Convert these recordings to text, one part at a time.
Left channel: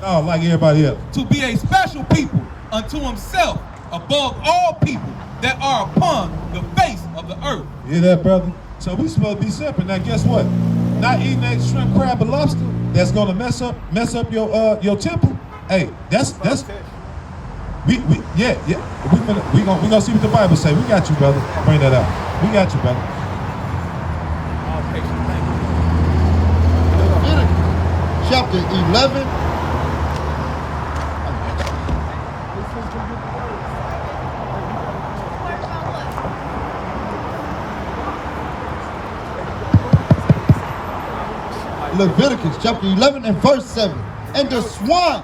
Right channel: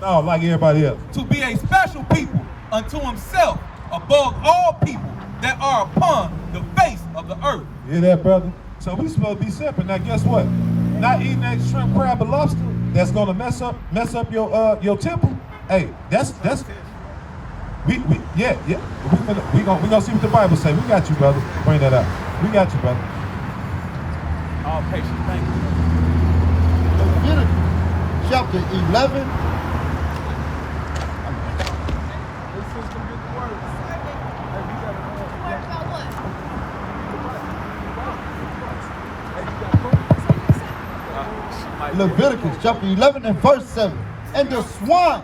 No, like everybody else. To be a special people unto himself above all people that are upon the face of the earth. You hear that, brother? So we supposed to be separate. Now guess what? Not eating that shrimp, crab, and lobster that's gonna mess up your temple. Hey, that's we gonna see what the Bible say. We got you, brother. Bring that out. We got you, brother. All patience, thank you. Leviticus chapter 11. Leviticus chapter 11 and verse 7. And the swine.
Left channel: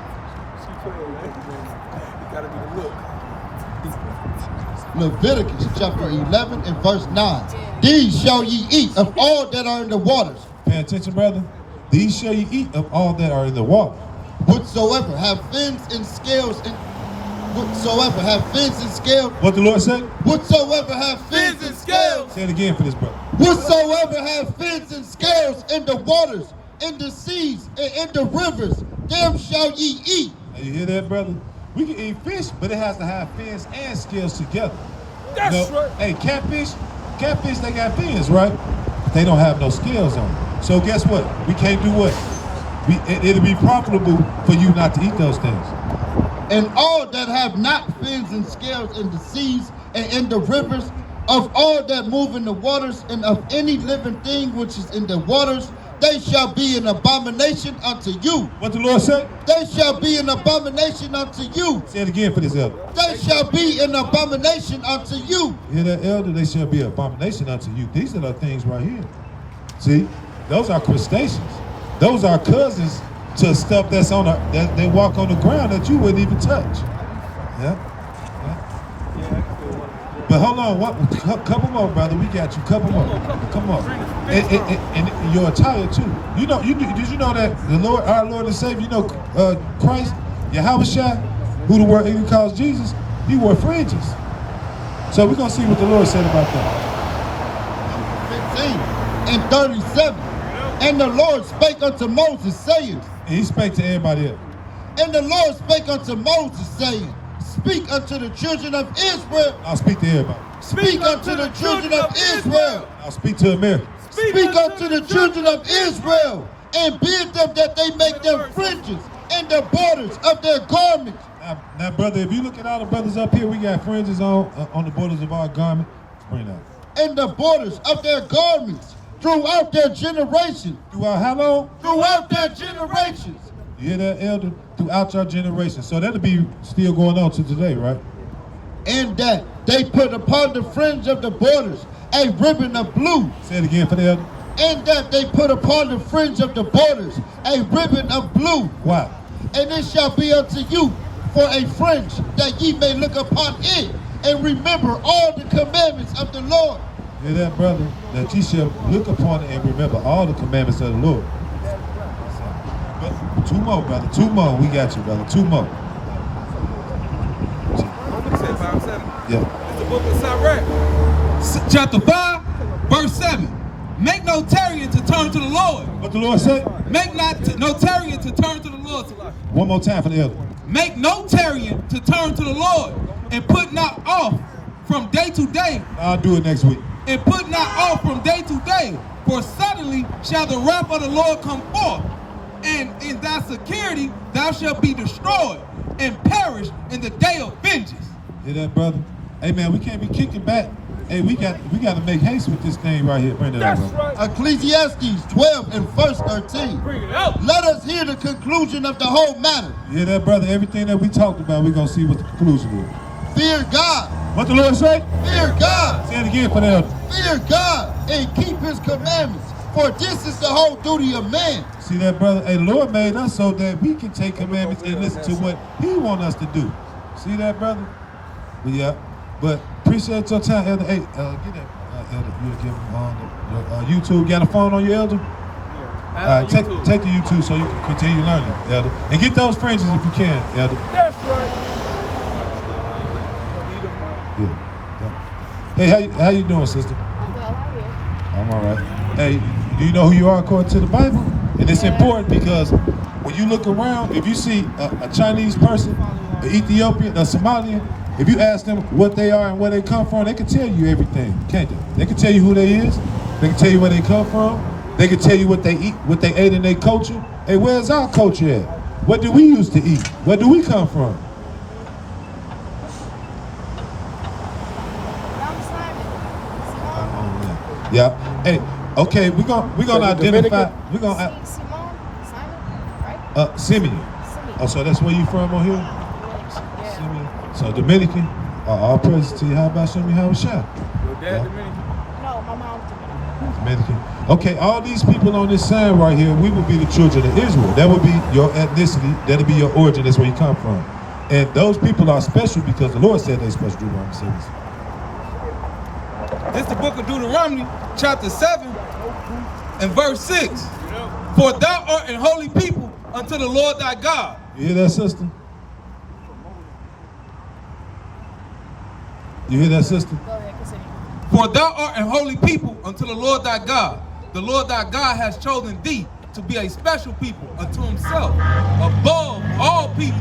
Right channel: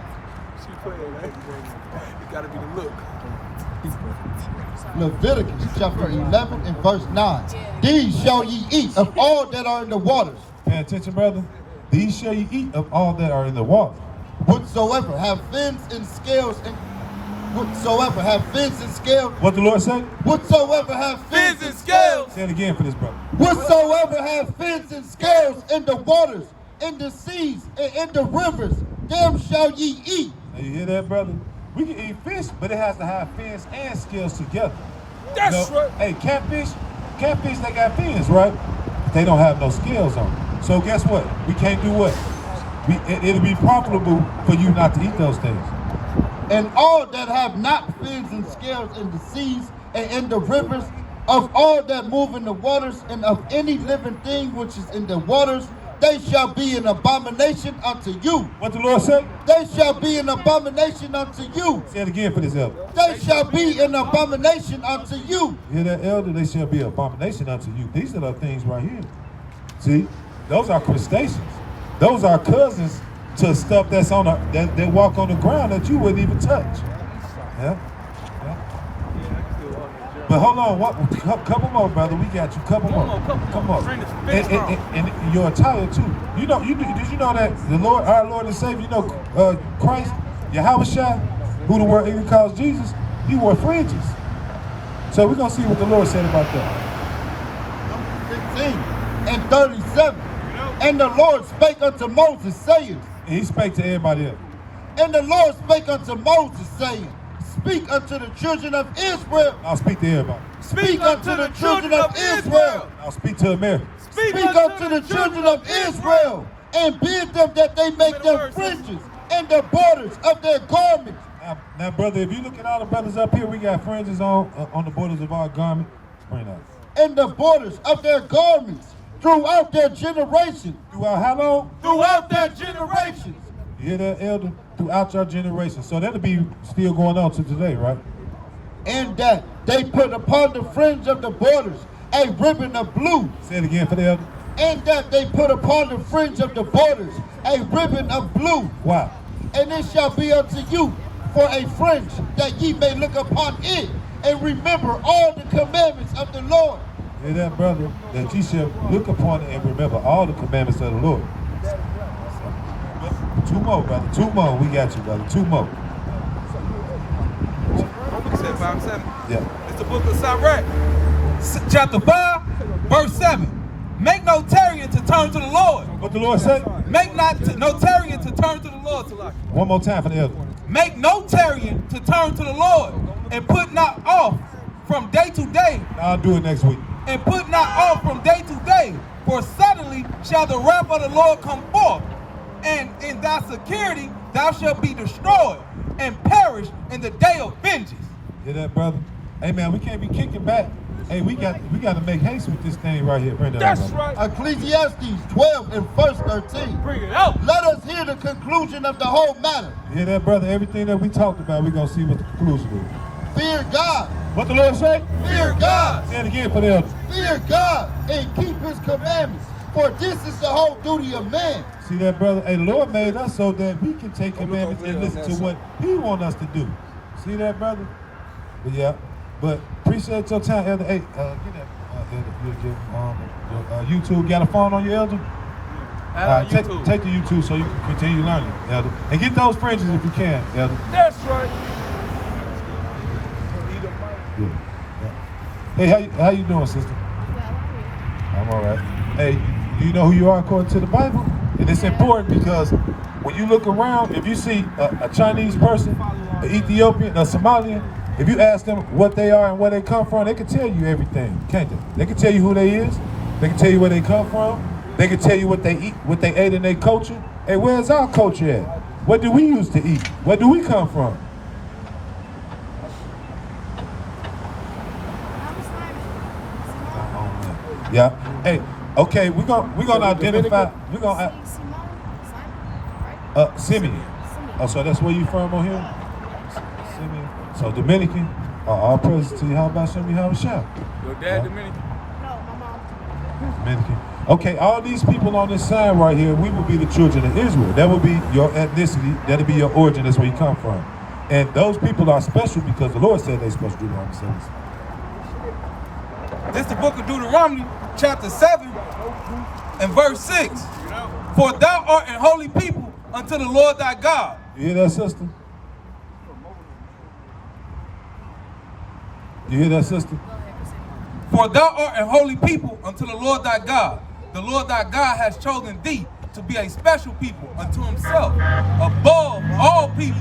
Leviticus chapter 11 and verse 9. These shall ye eat of all that are in the waters. Pay attention, brother. These shall ye eat of all that are in the water. Whatsoever have fins and scales and whatsoever have fins and scales. What the Lord said? Whatsoever have fins and scales. Say it again for this brother. Whatsoever have fins and scales in the waters, in the seas, and in the rivers, them shall ye eat. Now, you hear that, brother? We can eat fish, but it has to have fins and scales together. That's right. Hey, catfish, they got fins, right? They don't have no scales on them. So guess what? We can't do what? It'll be profitable for you not to eat those things. And all that have not fins and scales in the seas and in the rivers, of all that move in the waters, and of any living thing which is in the waters, they shall be an abomination unto you. What the Lord said? They shall be an abomination unto you. Say it again for this elder. They shall be an abomination unto you. You hear that, elder? They shall be an abomination unto you. These are the things right here. See? Those are crustaceans. Those are cousins to stuff that's on that they walk on the ground that you wouldn't even touch. Yeah? But hold on, couple more, brother. We got you. Couple more. Come on. And your attire too. You know, did you know that the Lord, our Lord and Savior, Christ, Yahushua, who the world even calls Jesus, he wore fringes. So we're gonna see what the Lord said about that. 15 and 37. And the Lord spake unto Moses, saying, And he spake to everybody else. And the Lord spake unto Moses, saying, Speak unto the children of Israel. I'll speak to everybody. Speak unto the children of Israel. I'll speak to America. Speak unto the children of Israel, and bid them that they make them fringes and the borders of their garments. Now, brother, if you look at all the brothers up here, we got fringes on the borders of our garment. Bring that. And the borders of their garments throughout their generations. Throughout how long? Throughout their generations. You hear that, elder? Throughout your generation. So that'll be still going on to today, right? And that they put upon the fringe of the borders a ribbon of blue. Say it again for the elder. And that they put upon the fringe of the borders a ribbon of blue. Wow. And it shall be unto you for a fringe, that ye may look upon it and remember all the commandments of the Lord. You hear that, brother? That ye shall look upon it and remember all the commandments of the Lord. But two more, brother. Two more. We got you, brother. Two more. Yeah. It's the book of Sirach, chapter 5, verse 7. Make no tarrying to turn to the Lord. What the Lord said? Make no tarrying to turn to the Lord. One more time for the elder. Make no tarrying to turn to the Lord, and put not off from day to day. I'll do it next week. And put not off from day to day, for suddenly shall the wrath of the Lord come forth, and in thy security thou shalt be destroyed and perish in the day of vengeance. Hear that, brother? Hey, man, we can't be kicking back. Hey, we got to make haste with this thing right here. Bring that up, brother. Right. Ecclesiastes 12 and verse 13. Bring it out. Let us hear the conclusion of the whole matter. You hear that, brother? Everything that we talked about, we're going to see what the conclusion is. Fear God. What the Lord say? Fear God. Say it again for the elder. Fear God and keep his commandments, for this is the whole duty of man. See that, brother? Hey, the Lord made us so that we can take commandments and listen to what he wants us to do. See that, brother? But yeah, but appreciate your time, elder. Hey, get that, elder. You give him on YouTube. Got a phone on your elder? Yeah. All right, take the YouTube so you can continue learning, elder. And get those fringes if you can, elder. That's right. Yeah. Hey, how you doing, sister? I'm all right. Hey, do you know who you are according to the Bible? And it's important because when you look around, if you see a Chinese person, an Ethiopian, a Somalian, if you ask them what they are and where they come from, they can tell you everything, can't they? They can tell you who they is. They can tell you where they come from. They can tell you what they eat, what they ate in their culture. Hey, where's our culture at? What do we used to eat? Where do we come from? Yeah. Hey, okay, we're gonna identify. We're gonna Simeon. Oh, so that's where you from on here? Simeon. So Dominican. All praise to you. How about Simeon? How was shot? Your dad Dominican? No, my mom's Dominican. Dominican. Okay, all these people on this sign right here, we would be the children of Israel. That would be your ethnicity. That'll be your origin. That's where you come from. And those people are special because the Lord said they're supposed to do what I'm saying. It's the book of Deuteronomy, chapter 7, and verse 6. For thou art an holy people unto the Lord thy God. You hear that, sister? You hear that, sister? For thou art an holy people unto the Lord thy God. The Lord thy God has chosen thee to be a special people unto himself, above all people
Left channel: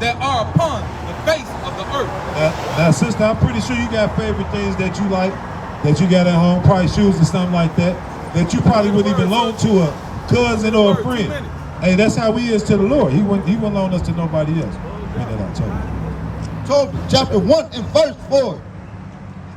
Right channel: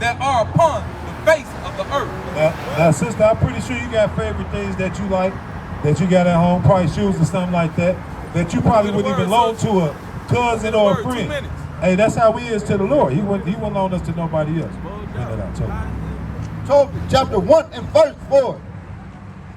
that are upon the face of the earth. Now, sister, I'm pretty sure you got favorite things that you like, that you got at home, probably shoes or something like that, that you probably wouldn't even loan to a cousin or a friend. Hey, that's how we is to the Lord. He wouldn't loan us to nobody else. Tobit, chapter 1 and verse 4.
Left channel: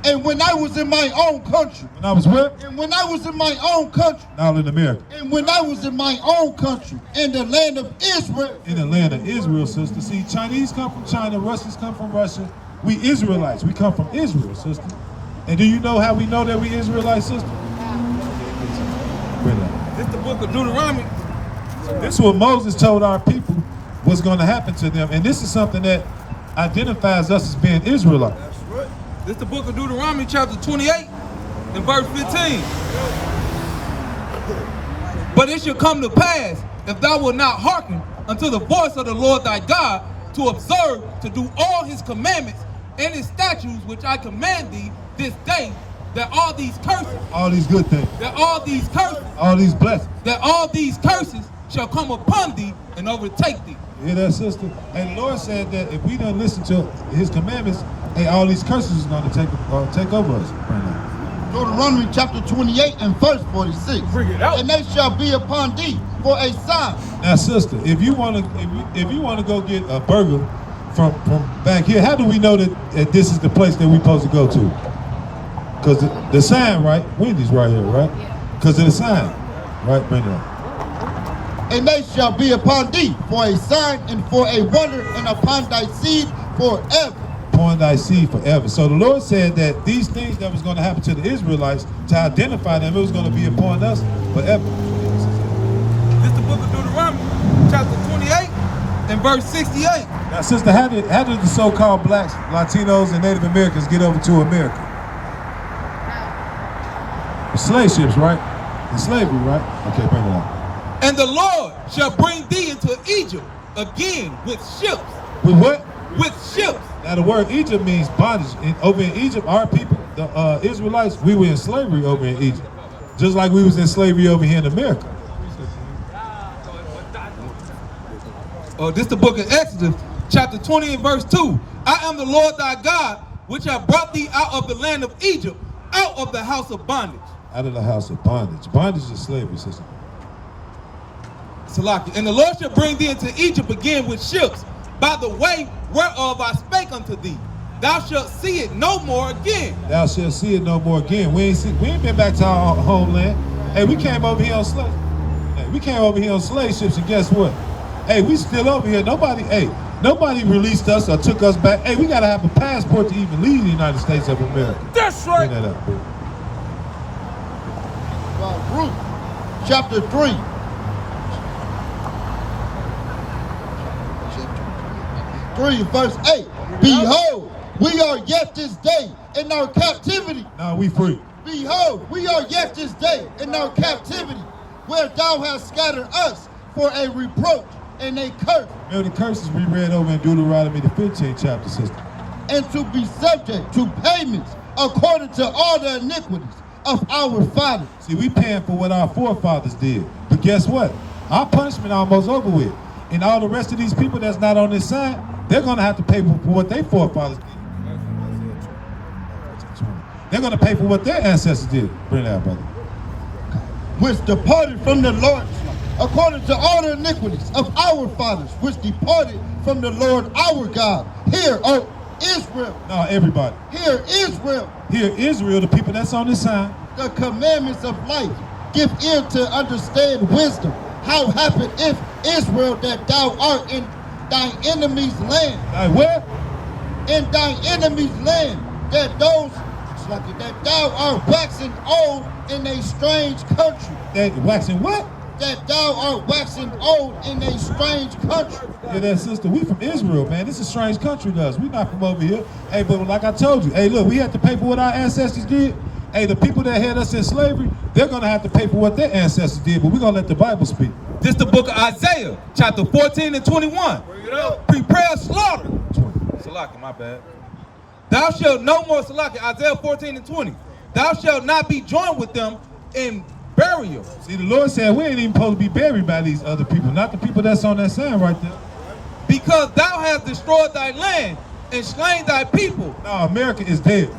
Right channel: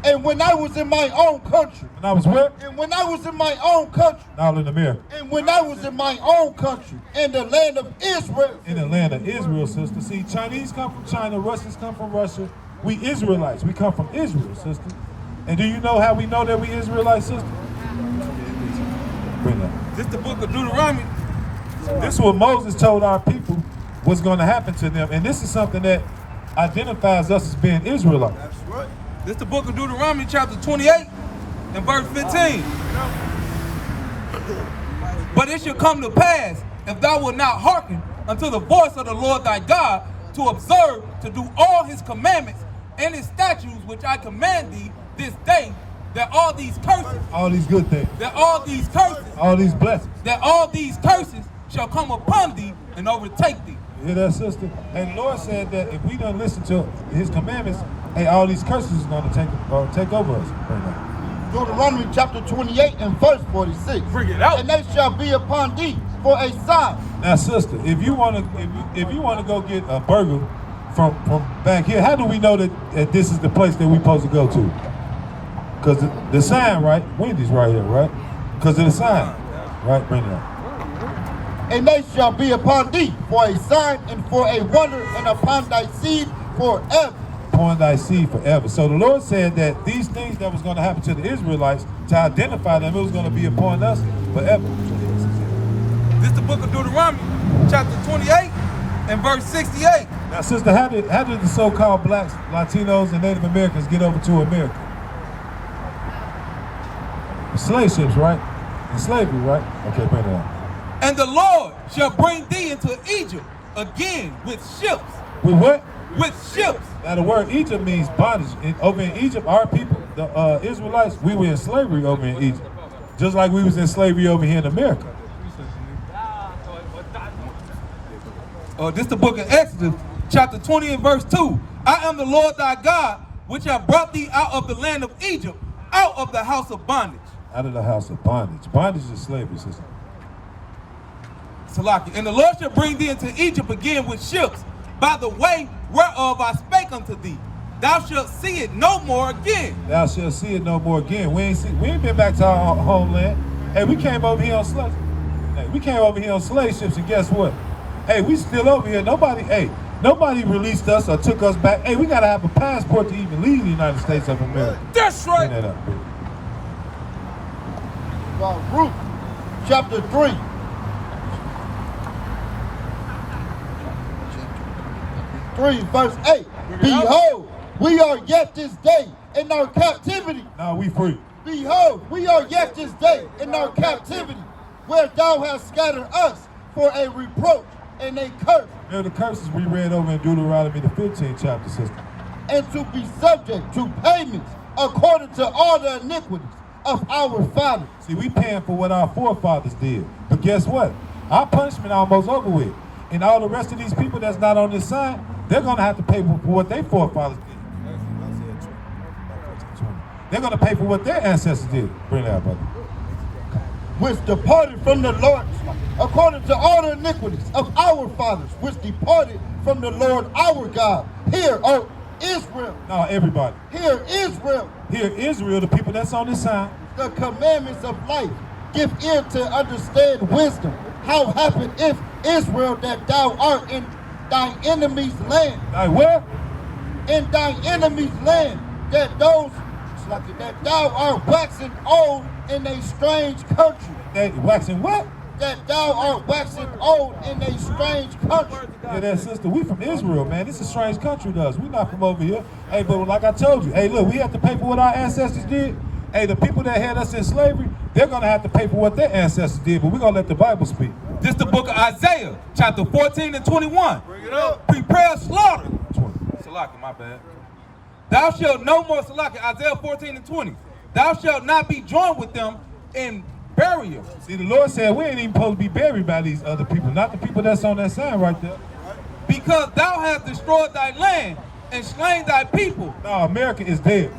And when I was in my own country. When I was where? And when I was in my own country. Now in America. And when I was in my own country, in the land of Israel. In the land of Israel, sister. See, Chinese come from China, Russians come from Russia. We Israelites, we come from Israel, sister. And do you know how we know that we Israelites, sister? Bring that. This is the book of Deuteronomy. This is what Moses told our people was going to happen to them. And this is something that identifies us as being Israelites. That's right. This is the book of Deuteronomy, chapter 28, and verse 15. But it shall come to pass, if thou wilt not hearken unto the voice of the Lord thy God, to observe, to do all his commandments and his statutes, which I command thee this day, that all these curses, All these good things. that all these curses, All these blessings. that all these curses shall come upon thee and overtake thee. You hear that, sister? And the Lord said that if we don't listen to his commandments, hey, all these curses is going to take over us right now. Deuteronomy chapter 28 and verse 46. Bring it out. And they shall be upon thee for a sign. Now, sister, if you want to go get a burger from back here, how do we know that this is the place that we're supposed to go to? Because the sign, right? Wendy's right here, right? Because of the sign, right? Bring it out. And they shall be upon thee for a sign and for a wonder, and upon thy seed forever. Upon thy seed forever. So the Lord said that these things that was going to happen to the Israelites, to identify them, it was going to be upon us forever. This is the book of Deuteronomy, chapter 28, and verse 68. Now, sister, how did the so-called blacks, Latinos, and Native Americans get over to America? Slave ships, right? And slavery, right? Okay, bring it out. And the Lord shall bring thee into Egypt again with ships. With what? With ships. Now, the word Egypt means bondage. Over in Egypt, our people, the Israelites, we were in slavery over in Egypt. Just like we was in slavery over here in America. This is the book of Exodus, chapter 20 and verse 2. I am the Lord thy God, which have brought thee out of the land of Egypt, out of the house of bondage. Out of the house of bondage. Bondage is slavery, sister. Salaki. And the Lord shall bring thee into Egypt again with ships, by the way whereof I spake unto thee. Thou shalt see it no more again. Thou shalt see it no more again. We ain't been back to our homeland. Hey, we came over here on slave. Hey, we came over here on slave ships, and guess what? Hey, we still over here. Nobody released us or took us back. Hey, we gotta have a passport to even leave the United States of America. That's right. Bring that up, baby. Ruth chapter 3. Verse 8. Behold, we are yet this day in our captivity. Now we free. Behold, we are yet this day in our captivity, where thou hast scattered us for a reproach and a curse. Remember the curses we read over in Deuteronomy the 15th chapter, sister. And to be subject to payments according to all the iniquities of our fathers. See, we paying for what our forefathers did. But guess what? Our punishment almost over with. And all the rest of these people that's not on this side, they're going to have to pay for what their forefathers did. They're going to pay for what their ancestors did. Bring that out, brother. Which departed from the Lord, according to all the iniquities of our fathers, which departed from the Lord our God. Hear, O Israel. No, everybody. Hear, Israel. Hear, Israel, the people that's on this side. The commandments of life. Give ear to understand wisdom. How happen if Israel that thou art in thine enemy's land? Like where? In thine enemy's land, that thou art waxing old in a strange country. That waxing what? That thou art waxing old in a strange country. Yeah, that sister, we from Israel, man. This is a strange country to us. We not from over here. Hey, but like I told you, hey, look, we have to pay for what our ancestors did. Hey, the people that had us in slavery, they're going to have to pay for what their ancestors did, but we're going to let the Bible speak. This the book of Isaiah, chapter 14 and 21. Bring it up. Prepare slaughter. 20. Salaki, my bad. Thou shalt no more, Salaki, Isaiah 14 and 20. Thou shalt not be joined with them in burial. See, the Lord said we ain't even supposed to be buried by these other people, not the people that's on that sign right there. Because thou hast destroyed thy land and slain thy people. No, America is dead.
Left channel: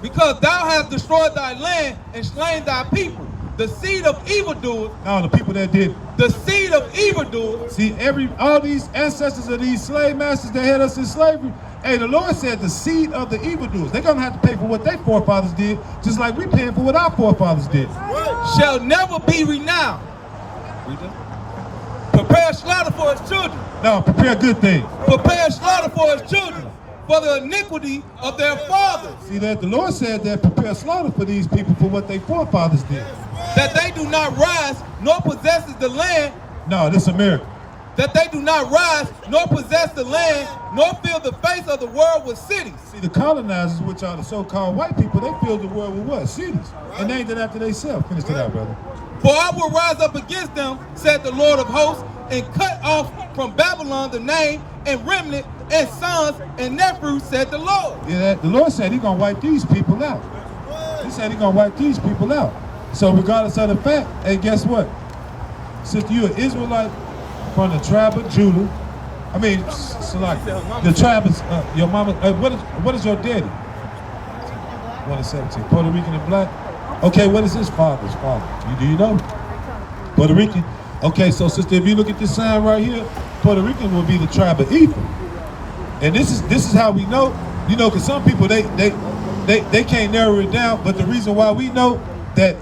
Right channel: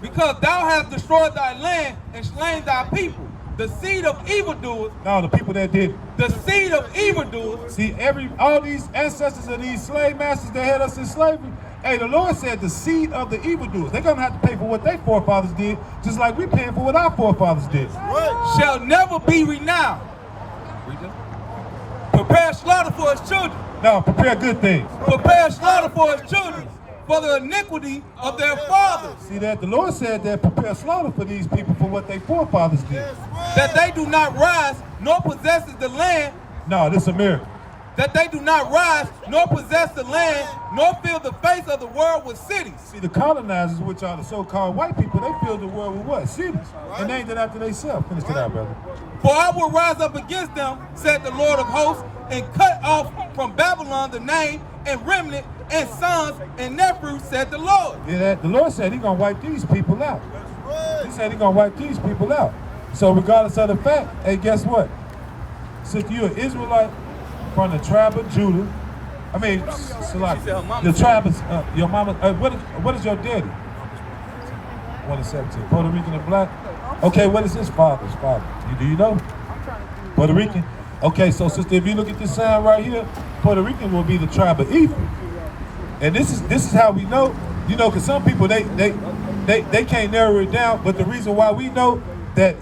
Because thou hast destroyed thy land and slain thy people. The seed of evildoers. No, the people that did it. The seed of evildoers. See, all these ancestors of these slave masters that had us in slavery, hey, the Lord said the seed of the evildoers, they're going to have to pay for what their forefathers did, just like we paying for what our forefathers did. Shall never be renowned. Prepare slaughter for his children. No, prepare good things. Prepare slaughter for his children, for the iniquity of their fathers. See that? The Lord said that prepare slaughter for these people for what their forefathers did. That they do not rise, nor possesses the land. No, this America. That they do not rise, nor possess the land, nor fill the face of the world with cities. See, the colonizers, which are the so-called white people, they filled the world with what? Cities. And they ain't did after themselves. Finish it out, brother. For I will rise up against them, said the Lord of hosts, and cut off from Babylon the name and remnant and sons and nephews, said the Lord. Yeah, the Lord said he's going to wipe these people out. He said he's going to wipe these people out. So regardless of the fact, hey, guess what? Since you're an Israelite from the tribe of Judah, I mean, Salaki, your tribe is, your mama, what is your daddy? 1 and 17. Puerto Rican and black? Okay, what is his father's father? Do you know? Puerto Rican? Okay, so sister, if you look at this sign right here, Puerto Rican will be the tribe of Ephraim. And this is how we know, you know, because some people, they can't narrow it down, but the reason why we know that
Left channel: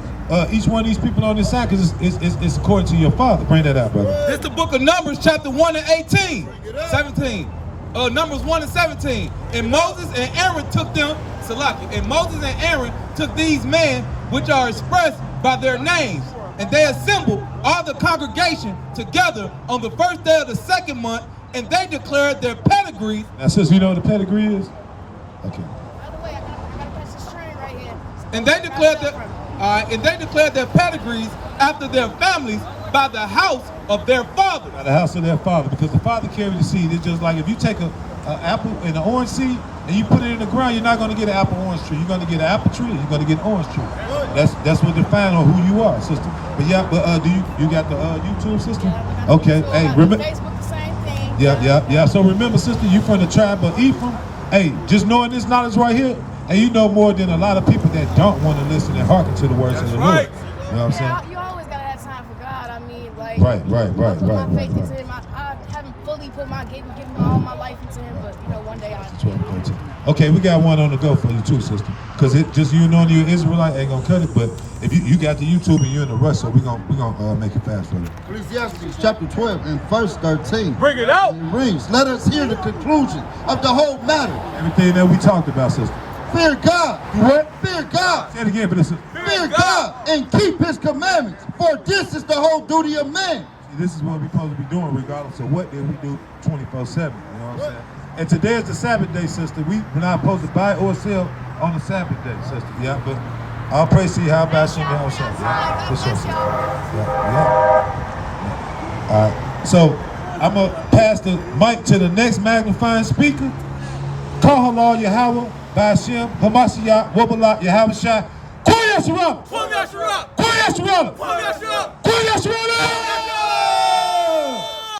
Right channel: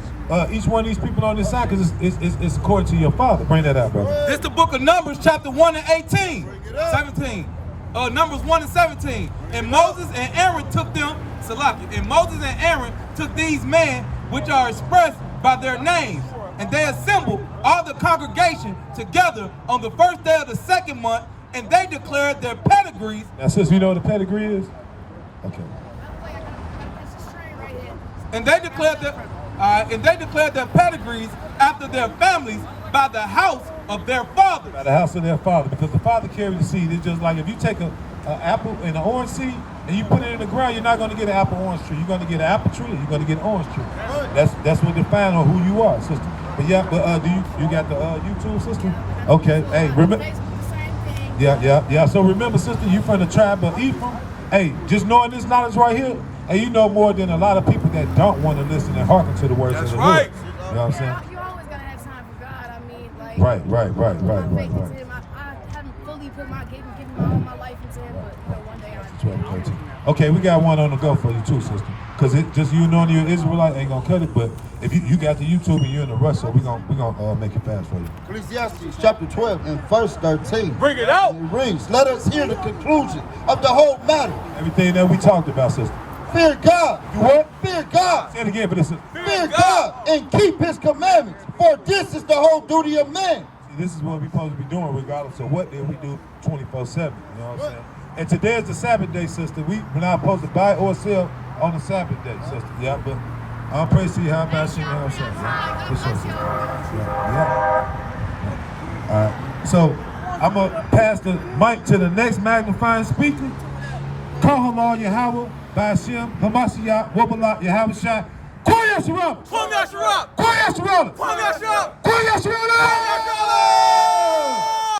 each one of these people on this side, because it's according to your father. Bring that out, brother. This is the book of Numbers, chapter 1 and 18, 17. Numbers 1 and 17. And Moses and Aaron took them, Salaki, and Moses and Aaron took these men, which are expressed by their names, and they assembled all the congregation together on the first day of the second month, and they declared their pedigrees. Now, sis, you know what a pedigree is? Okay. And they declared their pedigrees after their families by the house of their father. By the house of their father, because the father carried the seed. It's just like if you take an apple and an orange seed and you put it in the ground, you're not going to get an apple orange tree. You're going to get an apple tree. You're going to get an orange tree. That's what defines on who you are, sister. But yeah, but do you got the YouTube, sister? Okay. Hey, remember. Facebook, the same thing. Yeah. So remember, sister, you from the tribe of Ephraim. Hey, just knowing this knowledge right here, and you know more than a lot of people that don't want to listen and hearken to the words of the Lord. You know what I'm saying? You always gotta have time for God. I mean, like. Right. I haven't fully given all my life into Him, but you know, one day I'll. 12, 13. Okay, we got one on the go for you too, sister. Because it just you knowing you're Israelite ain't gonna cut it, but if you got the YouTube and you're in a rush, so we gonna make it fast for you. Ecclesiastes chapter 12 and verse 13. Bring it out. It reads, let us hear the conclusion of the whole matter. Everything that we talked about, sister. Fear God. You what? Fear God. Say it again for this. Fear God and keep His commandments, for this is the whole duty of man. See, this is what we're supposed to be doing regardless of what day we do 24/7. You know what I'm saying? And today is the Sabbath day, sister. We're not supposed to buy or sell on the Sabbath day, sister. Yeah, but I'll praise to you. How about Shimmy Hoshai? Yeah, for sure, sister. Yeah. All right. So I'm going to pass the mic to the next magnifying speaker. Call Halal Yahweh, Ba'ashem, Hamashiach, Wabalat, Yahweh Shai. Yasharala. Kwame Yasharala. Kwame Yasharala. Kwame Yasharala. Kwame Yasharala.